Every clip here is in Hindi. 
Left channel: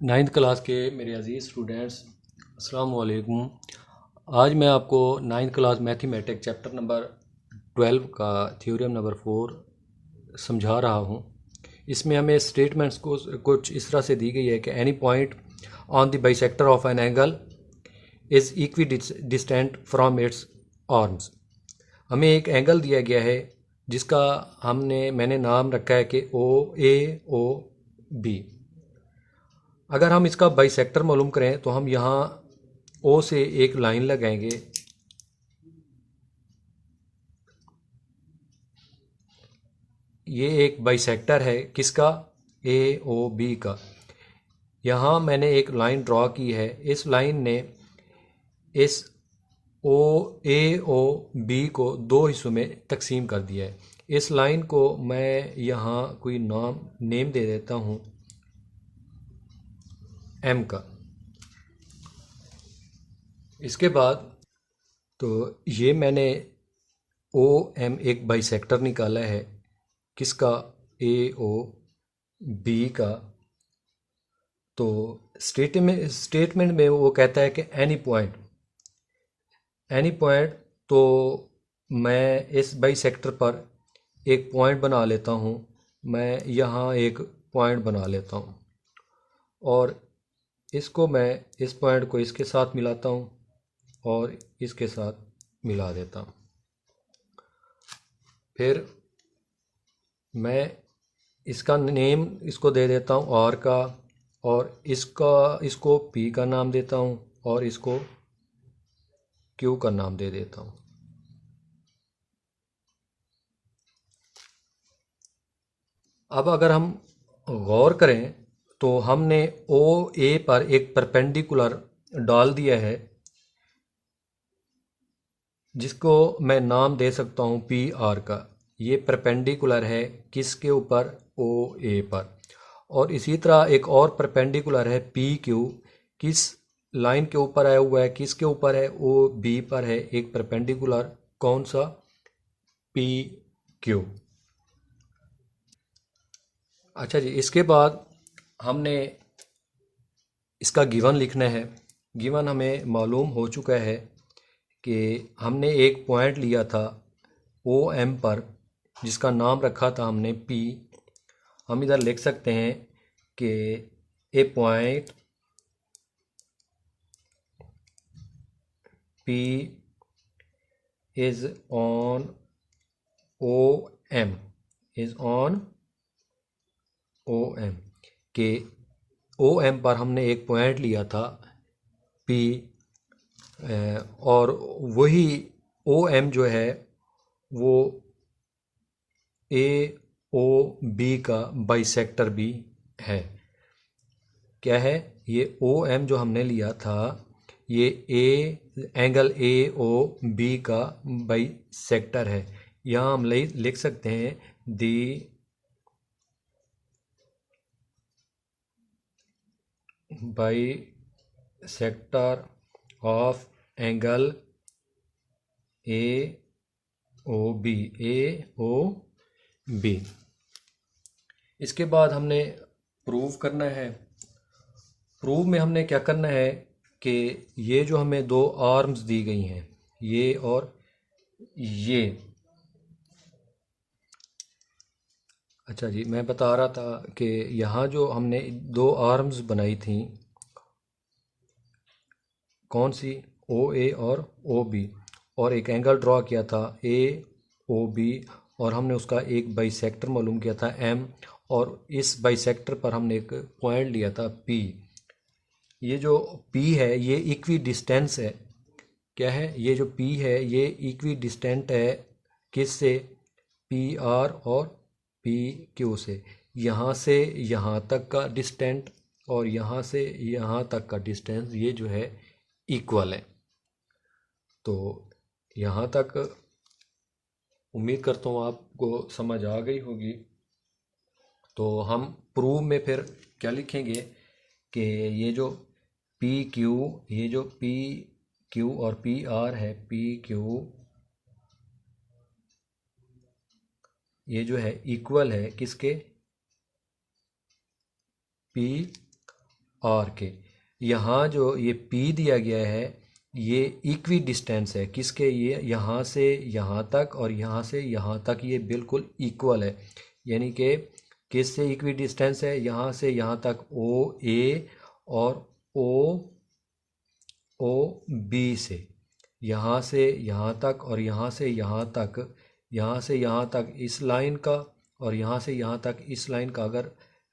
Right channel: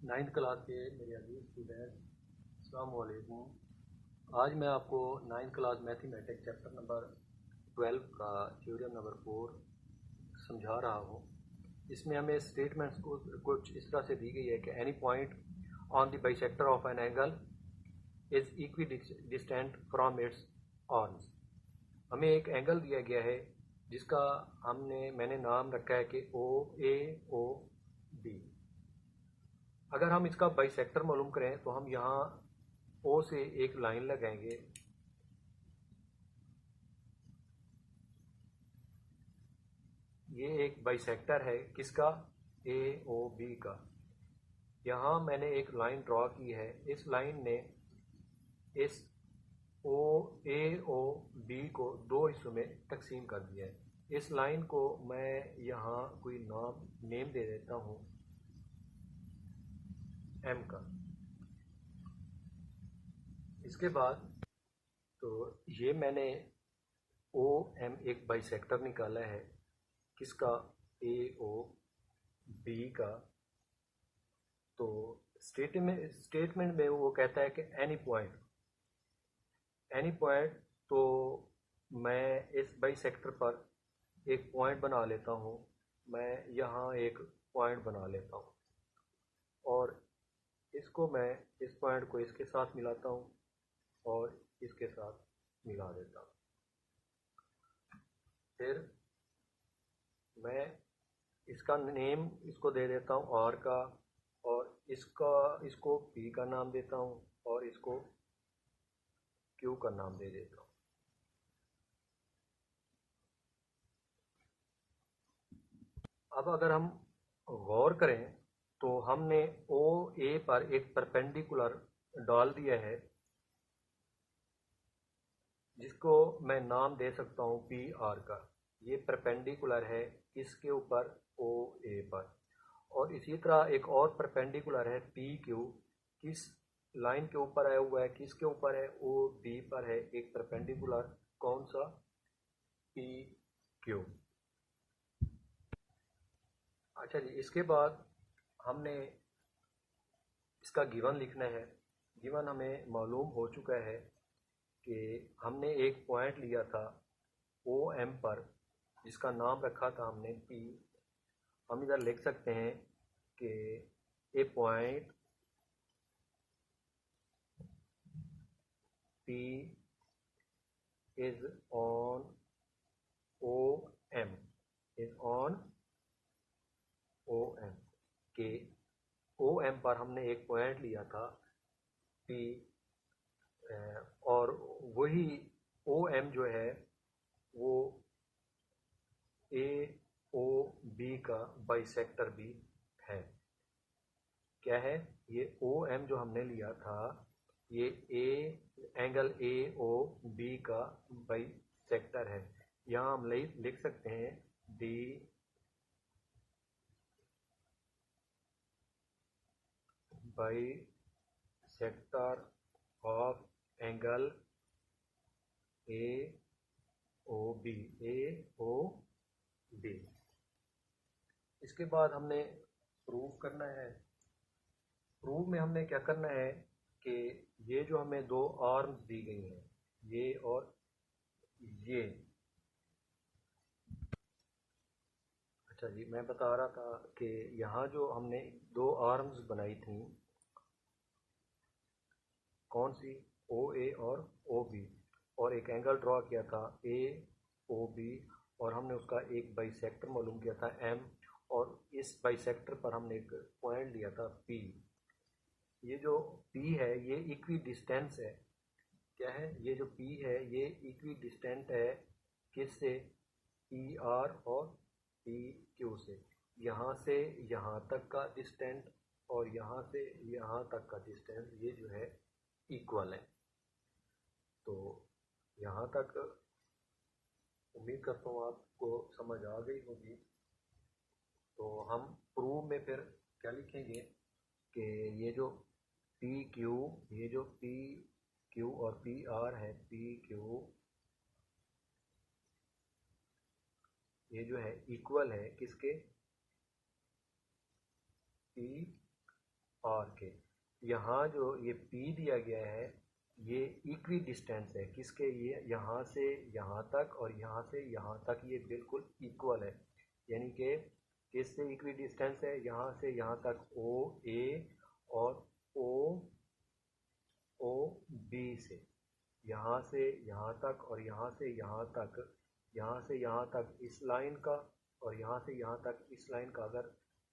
नाइन्थ क्लास के मेरे अज़ीज़ स्टूडेंट्स, अस्सलाम वालेकुम। आज मैं आपको ninth class mathematics chapter number 12 का थ्योरम नंबर 4 समझा रहा हूँ। इसमें हमें स्टेटमेंट्स को कुछ इस तरह से दी गई है कि any point on the bisector of an angle is equi distant from its arms. हमें एक एंगल दिया गया है जिसका मैंने नाम रखा है कि OAOB। अगर हम इसका बाइसेक्टर मालूम करें तो हम यहाँ ओ से एक लाइन लगाएंगे। ये एक बाइसेक्टर है किसका? AOB का। यहाँ मैंने एक लाइन ड्रॉ की है। इस लाइन ने इस AOB को दो हिस्सों में तकसीम कर दिया है। इस लाइन को मैं यहाँ कोई नेम दे देता हूँ M का। इसके बाद तो ये मैंने OM एक बाइसेक्टर निकाला है किसका? AOB का। तो स्टेटमेंट में वो कहता है कि एनी पॉइंट। तो मैं इस बाइसेक्टर पर एक पॉइंट बना लेता हूँ। मैं यहाँ एक पॉइंट बना लेता हूँ और इसको मैं इस पॉइंट को इसके साथ मिलाता हूँ और इसके साथ मिला देता हूँ। फिर मैं इसका नेम इसको दे देता हूँ R का, और इसको P का नाम देता हूँ और इसको Q का नाम दे देता हूँ। अब अगर हम गौर करें तो हमने OA पर एक परपेंडिकुलर डाल दिया है जिसको मैं नाम दे सकता हूँ PR का। ये परपेंडिकुलर है किसके ऊपर? OA पर। और इसी तरह एक और परपेंडिकुलर है PQ। किस लाइन के ऊपर आया हुआ है? किसके ऊपर है? OB पर है एक परपेंडिकुलर। कौन सा? PQ। अच्छा जी, इसके बाद हमने इसका गिवन लिखना है। गिवन हमें मालूम हो चुका है कि हमने एक पॉइंट लिया था OM पर जिसका नाम रखा था हमने P। हम इधर लिख सकते हैं कि ए point P is on OM is on OM के OM पर हमने एक पॉइंट लिया था P। और वही OM जो है वो AOB का बाइसेक्टर भी है। क्या है ये? OM जो हमने लिया था ये एंगल AOB का बाइसेक्टर है। यहाँ हम लिख सकते हैं दी बाइसेक्टर ऑफ एंगल AOB। इसके बाद हमने प्रूव करना है। प्रूव में हमने क्या करना है कि ये जो हमें दो आर्म्स दी गई हैं, ये और ये। अच्छा जी, मैं बता रहा था कि यहाँ जो हमने दो आर्म्स बनाई थी, कौन सी? OA और OB, और एक एंगल ड्रॉ किया था AOB, और हमने उसका एक बाइसेक्टर मालूम किया था M, और इस बाइसेक्टर पर हमने एक पॉइंट लिया था P। ये जो P है ये इक्वी डिस्टेंस है। क्या है? ये जो P है ये इक्वी डिस्टेंट है किससे? PR और PQ से। यहाँ से यहाँ तक का डिस्टेंट और यहाँ से यहाँ तक का डिस्टेंस ये जो है इक्वल है। तो यहाँ तक उम्मीद करता हूँ आपको समझ आ गई होगी। तो हम प्रूव में फिर क्या लिखेंगे कि ये जो PQ, ये जो PQ और PR है, PQ ये जो है इक्वल है किसके? आर के। यहाँ जो ये पी दिया गया है ये इक्वी डिस्टेंस है किसके, ये यहाँ से यहाँ तक और यहाँ से यहाँ तक ये बिल्कुल इक्वल है। यानी कि किस से इक्वी डिस्टेंस है, यहाँ से यहाँ तक ओ ए और ओ ओ बी से, यहाँ से यहाँ तक और यहाँ से यहाँ तक, यहाँ से यहाँ तक इस लाइन का और यहाँ से यहाँ तक इस लाइन का अगर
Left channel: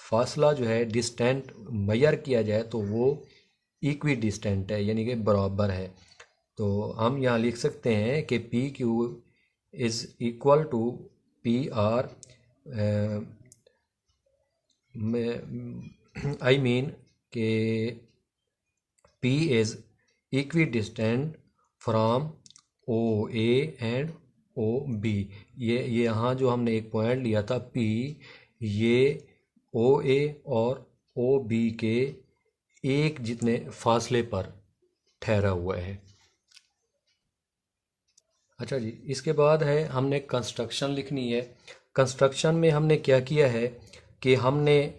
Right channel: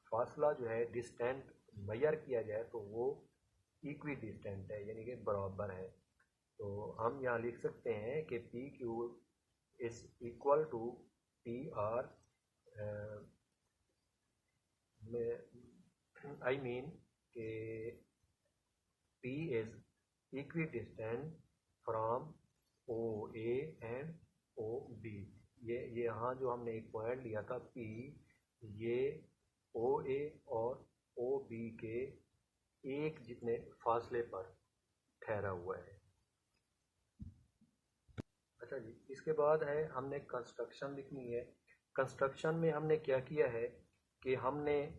फासला जो है डिस्टेंट मेजर किया जाए तो वो इक्वी डिस्टेंट है यानी कि बराबर है। तो हम यहाँ लिख सकते हैं कि P Q is equal to P R, I mean के P is equidistant from OA and OB। ये यहाँ जो हमने एक पॉइंट लिया था P, ये OA और OB के एक जितने फासले पर ठहरा हुआ है। अच्छा जी, इसके बाद है हमने कंस्ट्रक्शन लिखनी है। कंस्ट्रक्शन में हमने क्या किया है कि हमने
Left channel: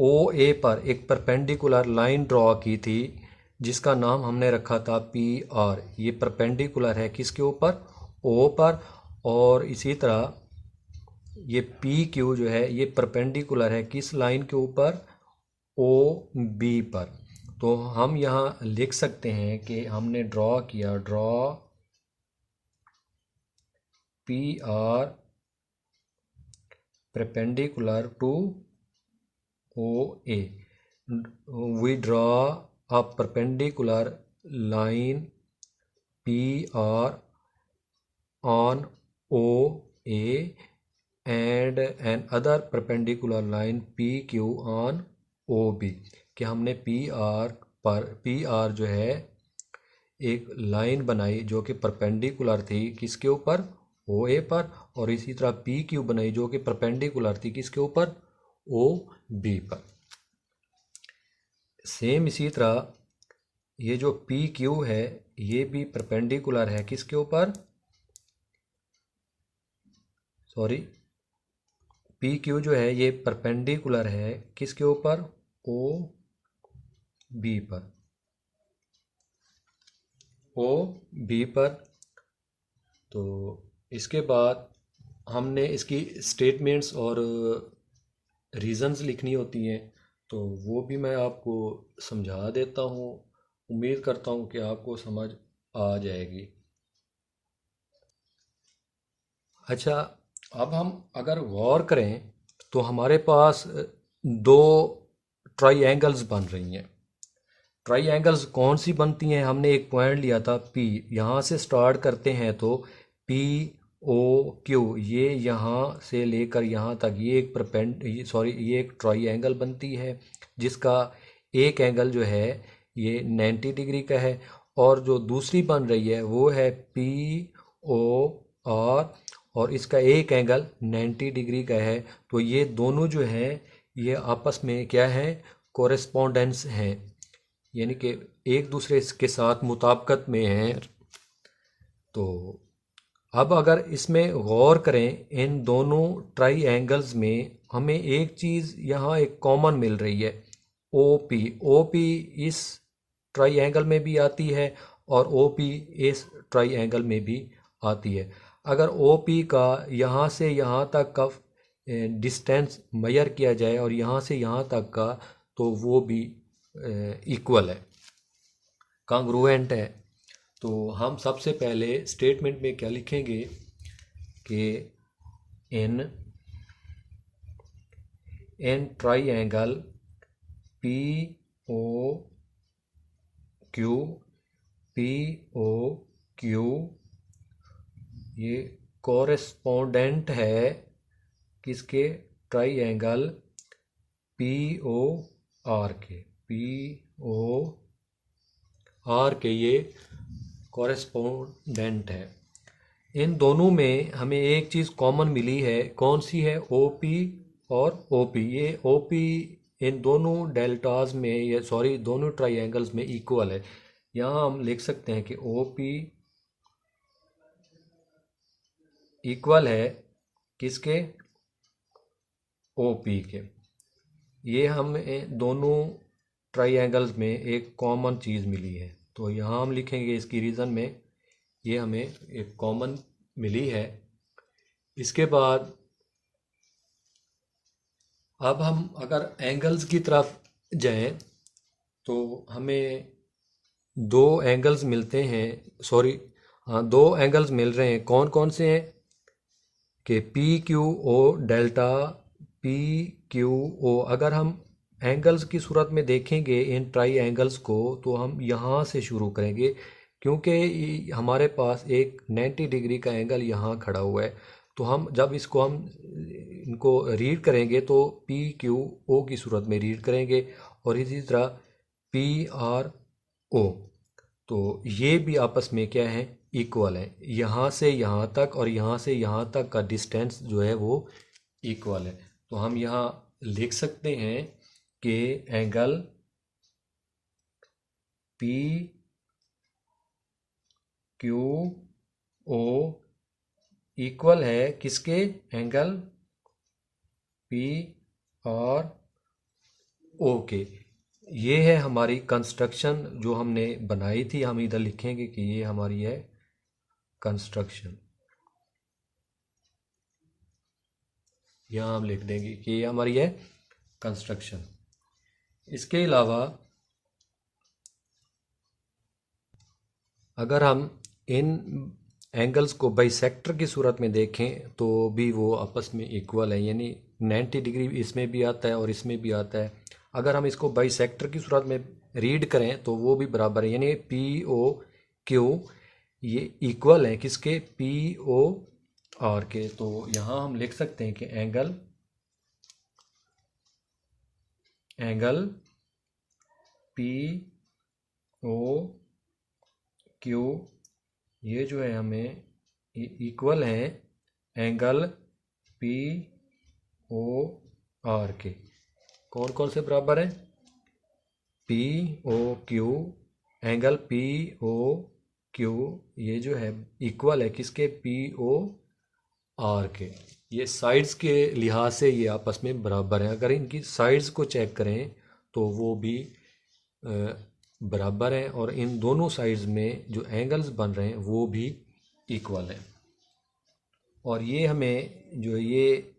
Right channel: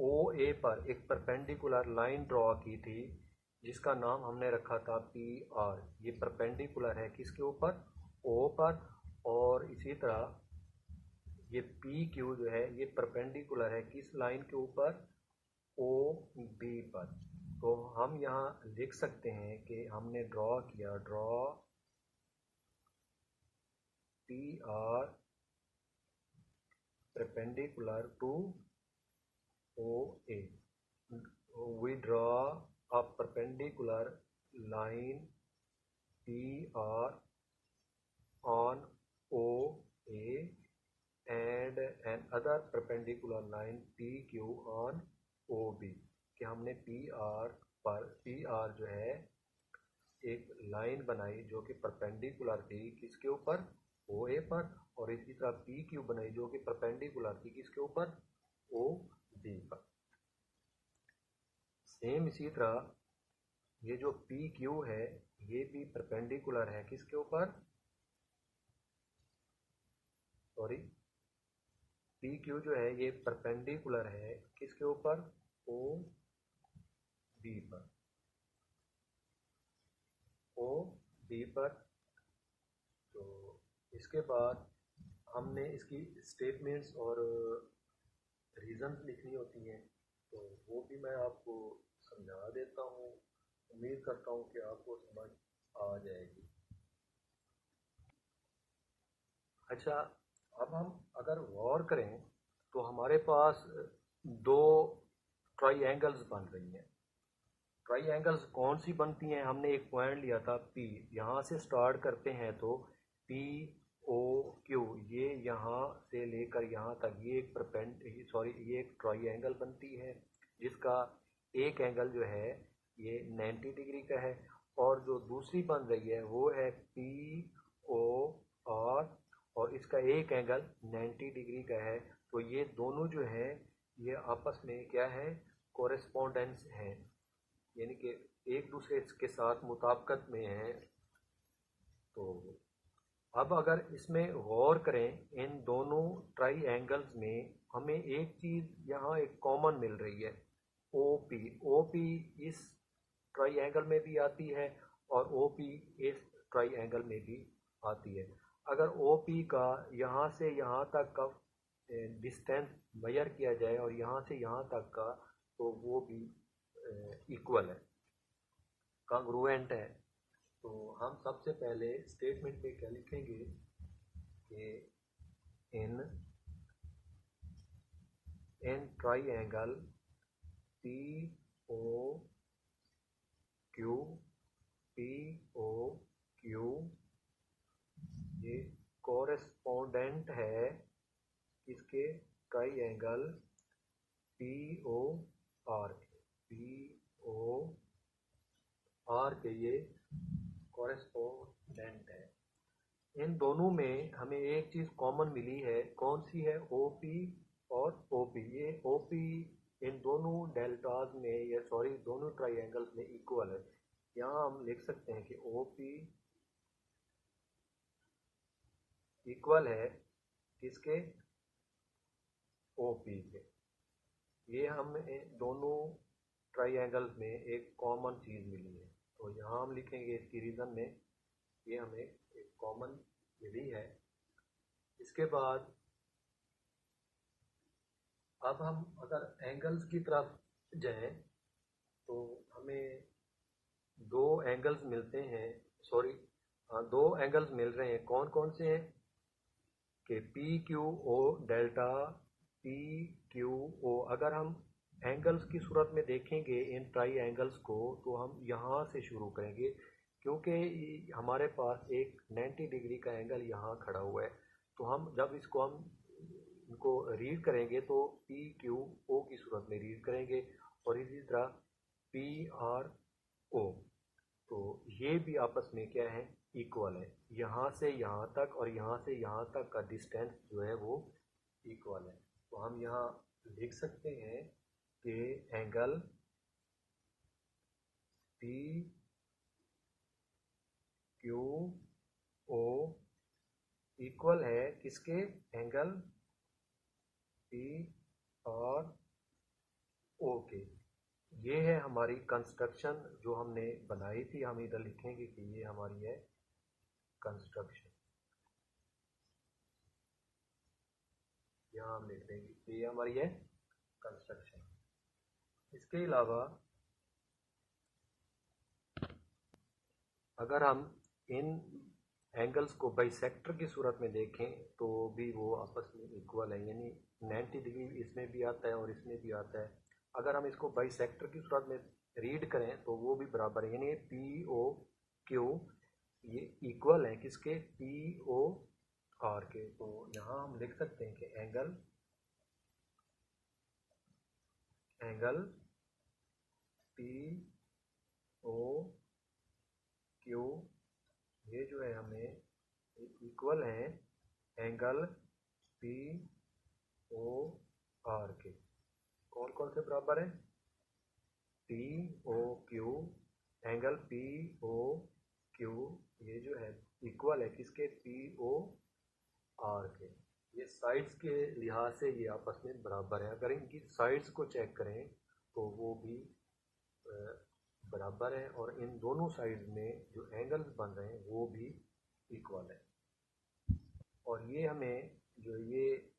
ओ ए पर एक परपेंडिकुलर लाइन ड्रॉ की थी जिसका नाम हमने रखा था पी आर। ये परपेंडिकुलर है किसके ऊपर, ओ पर, और इसी तरह ये पी क्यू जो है ये परपेंडिकुलर है किस लाइन के ऊपर, ओ बी पर। तो हम यहाँ लिख सकते हैं कि हमने ड्रॉ किया, draw P R perpendicular to OA. We draw a perpendicular line PR on OA and another perpendicular line PQ on OB। कि हमने PR जो है एक लाइन बनाई जो कि परपेंडिकुलर थी किसके ऊपर, OA पर, और इसी तरह PQ बनाई जो कि परपेंडिकुलर थी किसके ऊपर, OB पर। सेम इसी तरह ये जो PQ है ये भी परपेंडिकुलर है किसके ऊपर, सॉरी, PQ जो है ये परपेंडिकुलर है किसके ऊपर, OB पर, OB पर। तो इसके बाद हमने इसकी स्टेटमेंट्स और रीज़न्स लिखनी होती हैं, तो वो भी मैं आपको समझा देता हूँ। उम्मीद करता हूँ कि आपको समझ आ जाएगी। अच्छा, अब हम अगर गौर करें तो हमारे पास दो ट्राइएंगल्स बन रही हैं। ट्राइएंगल्स कौन सी बनती हैं, हमने एक पॉइंट लिया था P, यहाँ से स्टार्ट करते हैं तो POQ, ये यहाँ से लेकर यहाँ तक ये ये एक ट्राइएंगल बनती है जिसका एक एंगल जो है ये 90 डिग्री का है, और जो दूसरी बन रही है वो है POR और इसका एक एंगल 90 डिग्री का है। तो ये दोनों जो हैं ये आपस में क्या है, कोरेस्पोंडेंस हैं, यानी कि एक दूसरे के साथ मुताबिकत में हैं। तो अब अगर इसमें गौर करें इन दोनों ट्राइएंगल्स में हमें एक चीज़ यहाँ एक कॉमन मिल रही है, OP इस ट्राइएंगल में भी आती है और OP इस ट्राइएंगल में भी आती है। अगर OP का यहाँ से यहाँ तक का डिस्टेंस मेजर किया जाए और यहाँ से यहाँ तक का, तो वो भी इक्वल है, कांग्रुएंट है। तो हम सबसे पहले स्टेटमेंट में क्या लिखेंगे कि इन ट्राइएंगल POQ ये कोरेस्पोंडेंट है किसके, ट्राइएंगल POR के ये कोरेस्पोंडेंट है। इन दोनों में हमें एक चीज़ कॉमन मिली है, कौन सी है, OP और OP। ये OP इन दोनों डेल्टाज में, ये सॉरी दोनों ट्राइएंगल्स में इक्वल है। यहाँ हम लिख सकते हैं कि OP इक्वल है किसके, OP के। ये हमें दोनों ट्राइंगल्स में एक कॉमन चीज़ मिली है, तो यहाँ हम लिखेंगे इसकी रीज़न में ये हमें एक कॉमन मिली है। इसके बाद अब हम अगर एंगल्स की तरफ जाएं तो हमें दो एंगल्स मिलते हैं, सॉरी, हाँ, दो एंगल्स मिल रहे हैं। कौन कौन से हैं कि P Q O delta P Q O. अगर हम एंगल्स की सूरत में देखेंगे इन ट्राई एंगल्स को तो हम यहाँ से शुरू करेंगे, क्योंकि हमारे पास एक 90 डिग्री का एंगल यहाँ खड़ा हुआ है। तो हम जब इसको हम इनको रीड करेंगे तो पी क्यू ओ की सूरत में रीड करेंगे, और इसी तरह पी आर ओ। तो ये भी आपस में क्या है, इक्वल है। यहाँ से यहाँ तक और यहाँ से यहाँ तक का डिस्टेंस जो है वो इक्वल है। तो हम यहाँ लिख सकते हैं कि angle P Q O equal है किसके, एंगल पी और ओ के। ये है हमारी कंस्ट्रक्शन जो हमने बनाई थी। हम इधर लिखेंगे कि ये हमारी है कंस्ट्रक्शन। यहाँ हम लिख देंगे कि ये हमारी है कंस्ट्रक्शन। इसके अलावा अगर हम इन एंगल्स को बाइसेक्टर की सूरत में देखें तो भी वो आपस में इक्वल है, यानी 90 डिग्री इसमें भी आता है और इसमें भी आता है। अगर हम इसको बाइसेक्टर की सूरत में रीड करें तो वो भी बराबर है, यानी पी ओ क्यू ये इक्वल है किसके, पी ओ आर के। तो यहाँ हम लिख सकते हैं कि एंगल पी ओ क्यू ये जो है हमें इक्वल है एंगल पी ओ आर के। कौन कौन से बराबर है, P O Q, angle P O Q ये जो है इक्वल है किसके, पी ओ आर के। ये साइड्स के लिहाज से ये आपस में बराबर हैं। अगर इनकी साइड्स को चेक करें तो वो भी बराबर हैं, और इन दोनों साइड्स में जो एंगल्स बन रहे हैं वो भी इक्वल हैं। और ये हमें जो ये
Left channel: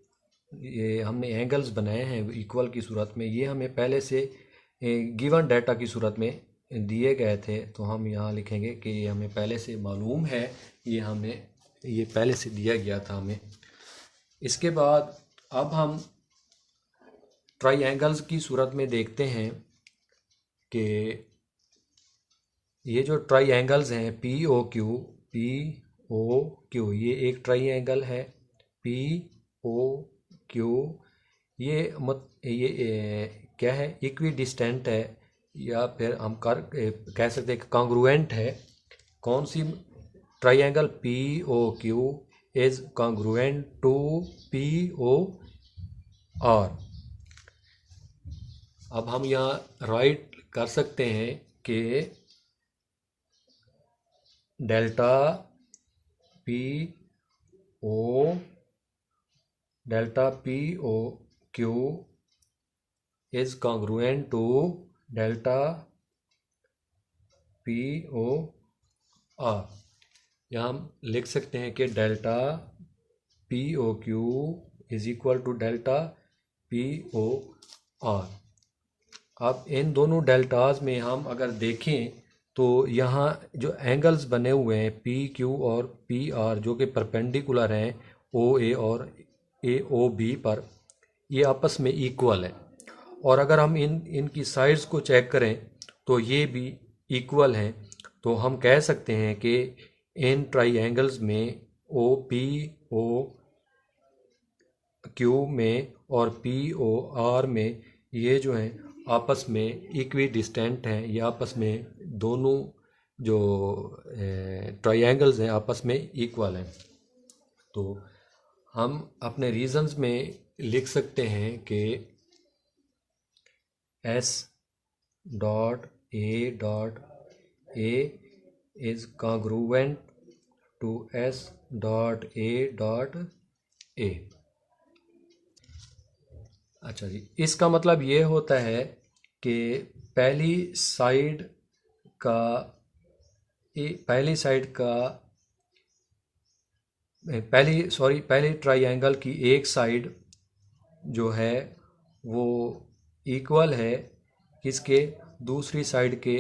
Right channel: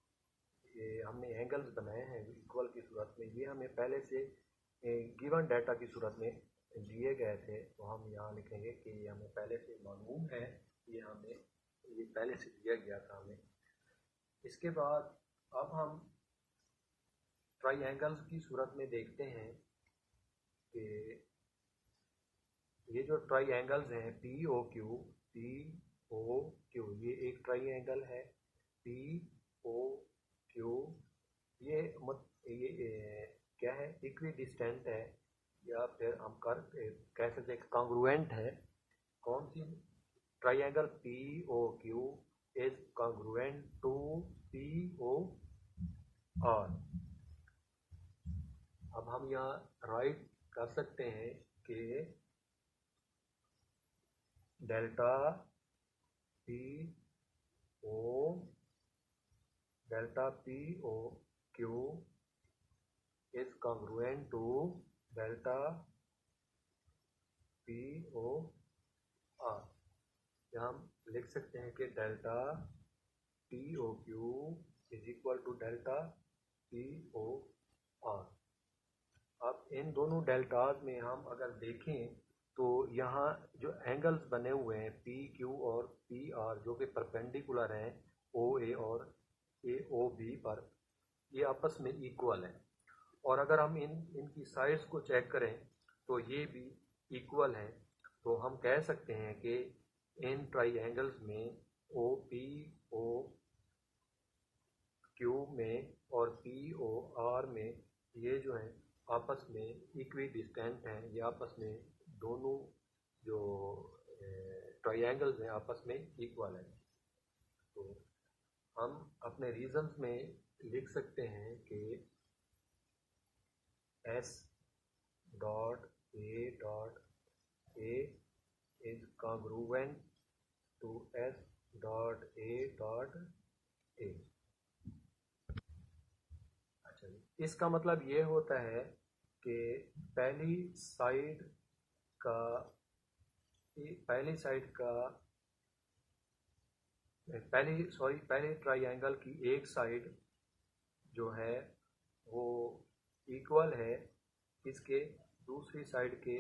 हमने एंगल्स बनाए हैं इक्वल की सूरत में, ये हमें पहले से गिवन डाटा की सूरत में दिए गए थे। तो हम यहाँ लिखेंगे कि ये हमें पहले से मालूम है, ये पहले से दिया गया था हमें। इसके बाद अब हम ट्राइंगल्स की सूरत में देखते हैं कि ये जो ट्राइंगल्स हैं पी ओ क्यू ये एक ट्राइंगल है। पी ओ क्यू ये क्या है, इक्वी डिस्टेंट है, या फिर हम कह सकते हैं कॉन्ग्रुएंट है। कौन सी triangle P O Q is congruent to P O R. अब हम यहाँ राइट कर सकते हैं कि delta P O Q is congruent to delta P O R. यहाँ हम लिख सकते हैं कि delta P O Q is equal to delta P O R. अब इन दोनों डेल्टाज में हम अगर देखें तो यहाँ जो एंगल्स बने हुए हैं पी क्यू और पी आर जो कि परपेंडिकुलर हैं ओ ए और ए ओ बी पर, ये आपस में इक्वल है। और अगर हम इनकी साइड्स को चेक करें तो ये भी इक्वल हैं। तो हम कह सकते हैं कि इन ट्राइंगल्स में ओ पी ओ क्यू में और पी ओ आर में ये जो हैं आपस में इक्वी डिस्टेंट हैं। ये आपस में दोनों जो ट्राइंगल्स हैं आपस में इक्वल हैं। तो हम अपने रीजंस में लिख सकते हैं कि S dot A is congruent to S dot A. अच्छा जी, इसका मतलब ये होता है कि पहली साइड का पहली साइड का पहली ट्राइंगल की एक साइड जो है वो इक्वल है किसके, दूसरी साइड के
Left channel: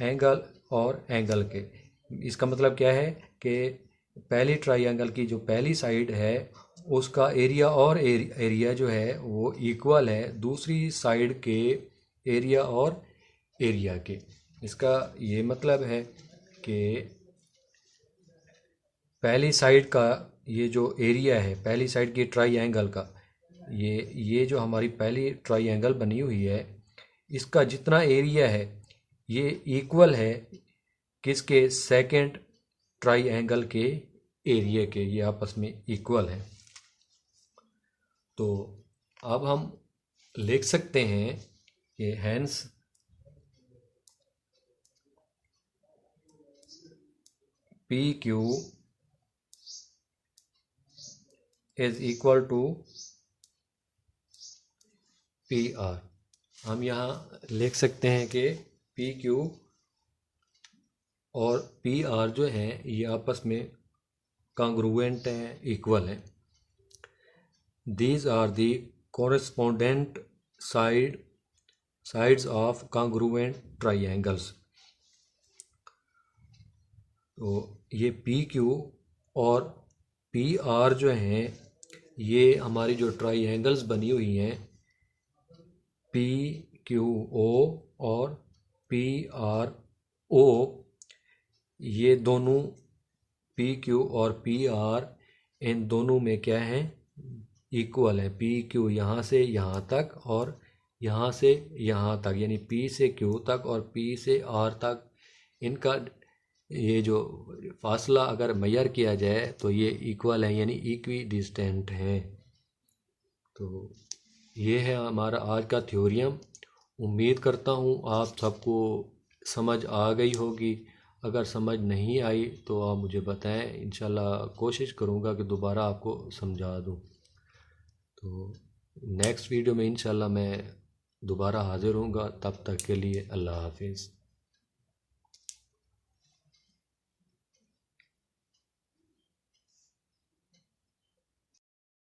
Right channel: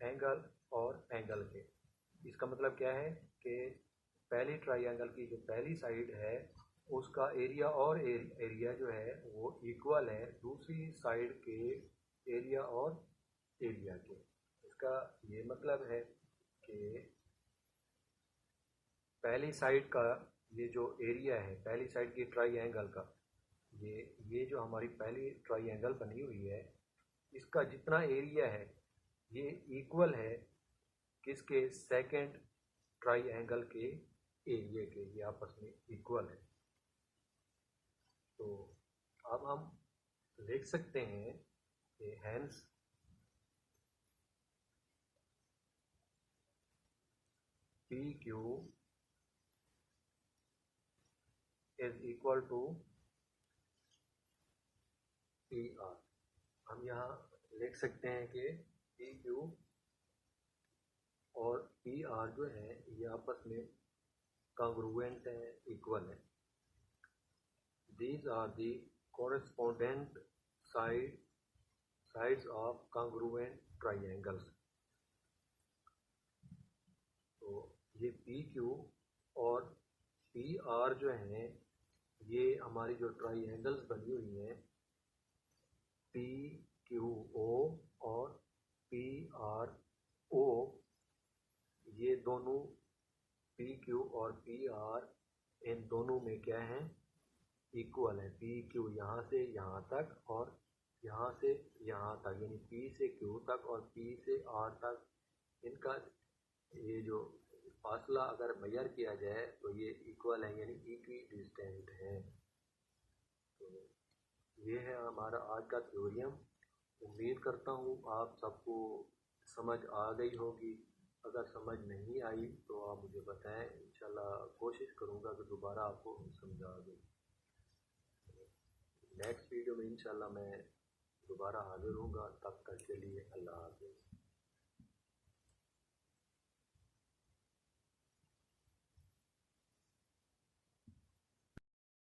एंगल और एंगल के। इसका मतलब क्या है कि पहली ट्राइंगल की जो पहली साइड है उसका एरिया और एरिया जो है वो इक्वल है दूसरी साइड के एरिया और एरिया के। इसका ये मतलब है कि पहली साइड का ये जो एरिया है पहली साइड की ट्राइंगल का, ये जो हमारी पहली ट्राइंगल बनी हुई है इसका जितना एरिया है ये इक्वल है किसके, सेकंड ट्राइंगल के एरिया के, ये आपस में इक्वल है। तो अब हम लिख सकते हैं कि hence P Q is equal to P R. हम यहाँ लिख सकते हैं कि पी क्यू और पी आर जो हैं ये आपस में कॉन्ग्रुएंट हैं, इक्वल हैं। These are the correspondent sides of congruent triangles। तो ये पी क्यू और पी आर जो हैं ये हमारी जो ट्राइंगल्स बनी हुई हैं पी क्यू ओ और पी आर ओ, ये दोनों पी क्यू और पी आर इन दोनों में क्या है, इक्वल है। पी क्यू यहाँ से यहाँ तक और यहाँ से यहाँ तक, यानी पी से क्यू तक और पी से आर तक इनका ये जो फासला अगर मेजर किया जाए तो ये इक्वल है, यानी इक्वी डिस्टेंट है। तो ये है हमारा आज का थ्योरियम। उम्मीद करता हूँ आप सबको समझ आ गई होगी। अगर समझ नहीं आई तो आप मुझे बताएं, इंशाल्लाह कोशिश करूँगा कि दोबारा आपको समझा दूँ। तो नेक्स्ट वीडियो में इंशाल्लाह मैं दोबारा हाज़िर होऊंगा। तब तक के लिए अल्लाह हाफिज़।